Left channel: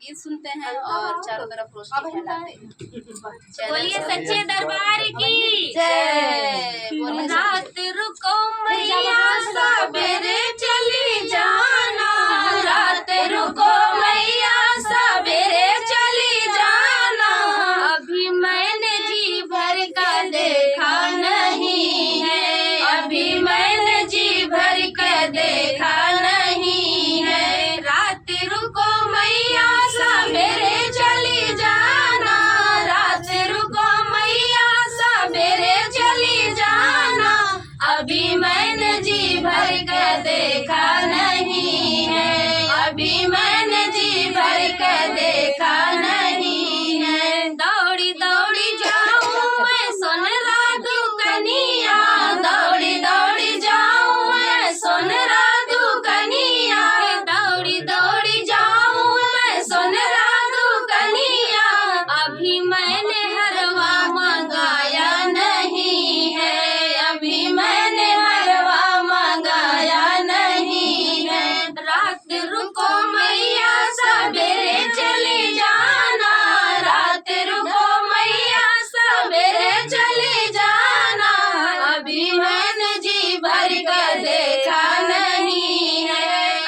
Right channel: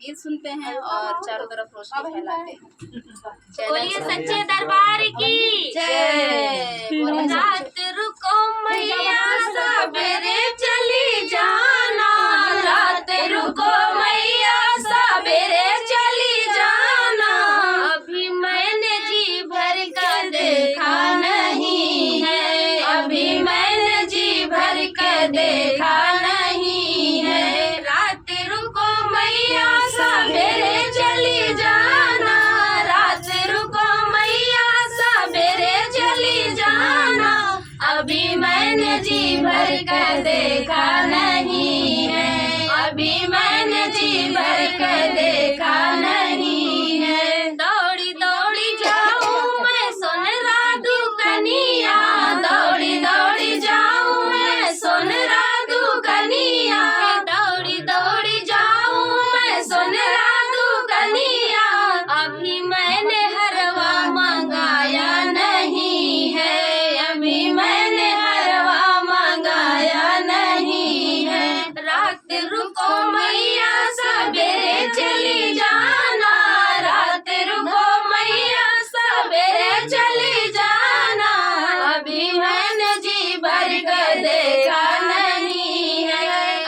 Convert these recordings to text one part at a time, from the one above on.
गीत सुनते हैं और चारों तरफ रोशनी फैलाते हैं। बोलिए सच्चे दरबार की जय। बोलिए रात रुको मैया सवेरे चली जाना, रात रुको मैया सवेरे चली जाना। अभी मैंने जी भर का देखा नहीं है, अभी मैंने जी भर का देखा नहीं है। रात रुको मैया सवेरे चली जाना, रात रुको मैया सवेरे चली जाना। अभी मैंने जी भर का देखा नहीं है, अभी मैंने जी भर का देखा नहीं है। दौड़ी दौड़ी जाऊं मैं सोनरा दुकनिया, दौड़ी दौड़ी जाऊं मैं सोनरा दुकनिया। दौड़ी दौड़ी जाऊं मैं सोनरा दुकनिया। अभी मैंने हरवा मंगाया नहीं है, अभी मैंने हरवा मंगाया नहीं है। रात रुको मैया सवेरे चली जाना, रात रुको मैया सवेरे चली जाना। अभी मैंने जी भर कर देखा नहीं है,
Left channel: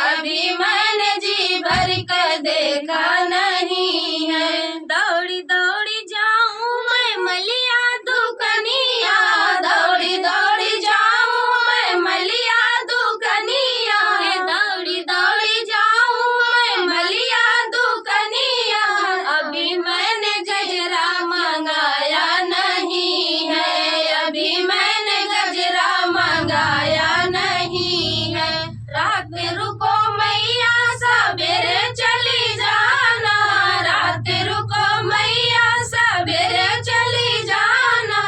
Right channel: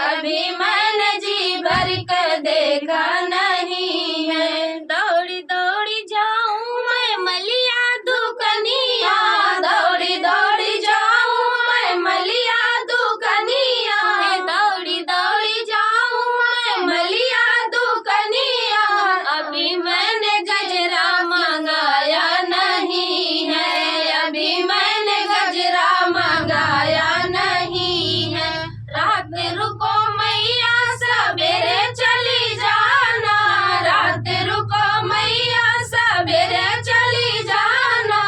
अभी मैंने जी भर कर देखा नहीं है। दौड़ी दौड़ी जाऊं मैं मलिया दुकनिया, दौड़ी दौड़ी जाऊं मैं मलिया दुकनिया। दौड़ी दौड़ी जाऊं मैं मलिया दुकनिया। अभी मैंने गजरा मंगाया नहीं है, अभी मैंने गजरा मंगाया नहीं है। रात रुको मैया सवेरे चली जाना, रात रुको मैया सवेरे चली जाना।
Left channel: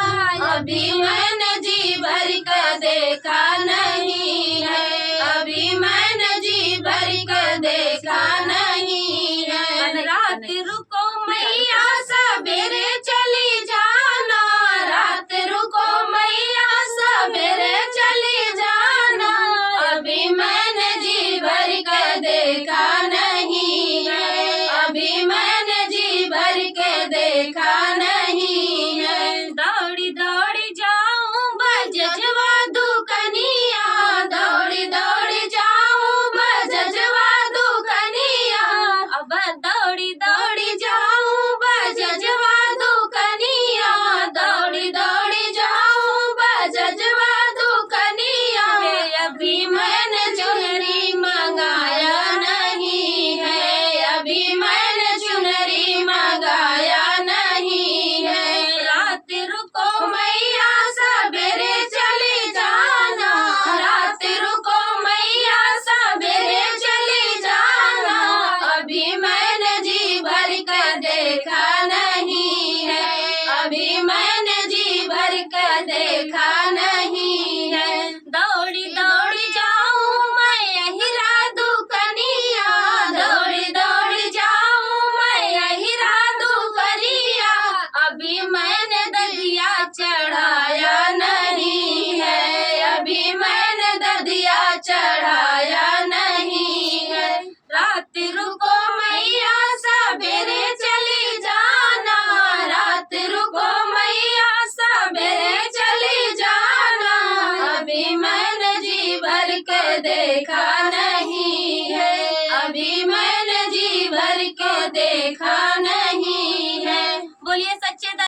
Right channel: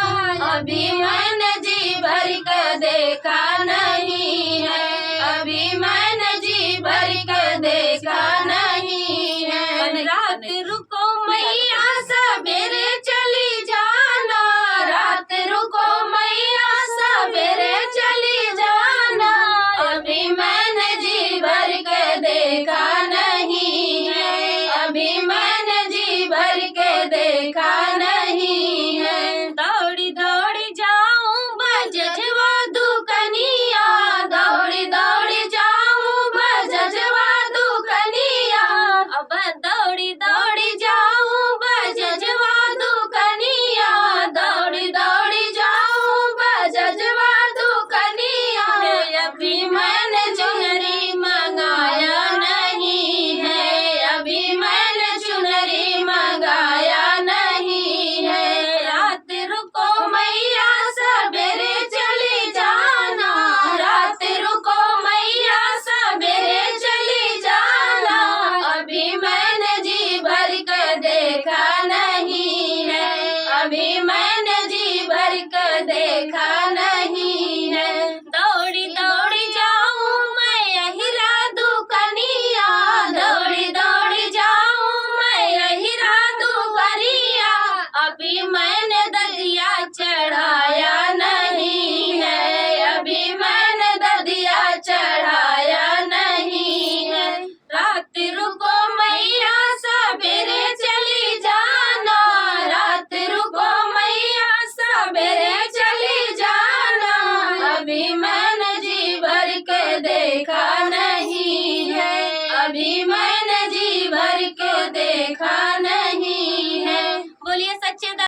अभी मैंने जी भर कर देखा नहीं है, अभी मैंने जी भर कर देखा नहीं है। रात रुको मैया सवेरे चली जाना, रात रुको मैया सवेरे चली जाना। अभी मैंने जी भर कर देखा नहीं है, अभी मैंने जी भर के देखा नहीं है। दौड़ी दौड़ी जाऊं बजजवा दुकनिया, दौड़ी दौड़ी जाऊं बजजवा दुकनिया। अब दौड़ी दौड़ी जाऊं बजजवा दुकनिया, दौड़ी दौड़ी जाऊं बजजवा दुकनिया। अभी मैंने चुनरी मंगाया नहीं है, अभी मैंने चुनरी मंगाया नहीं है। रात रुको मैया सवेरे चली जाना, रात रुको मैया सवेरे चली जाना। अभी मैंने जी भर कर देखा नहीं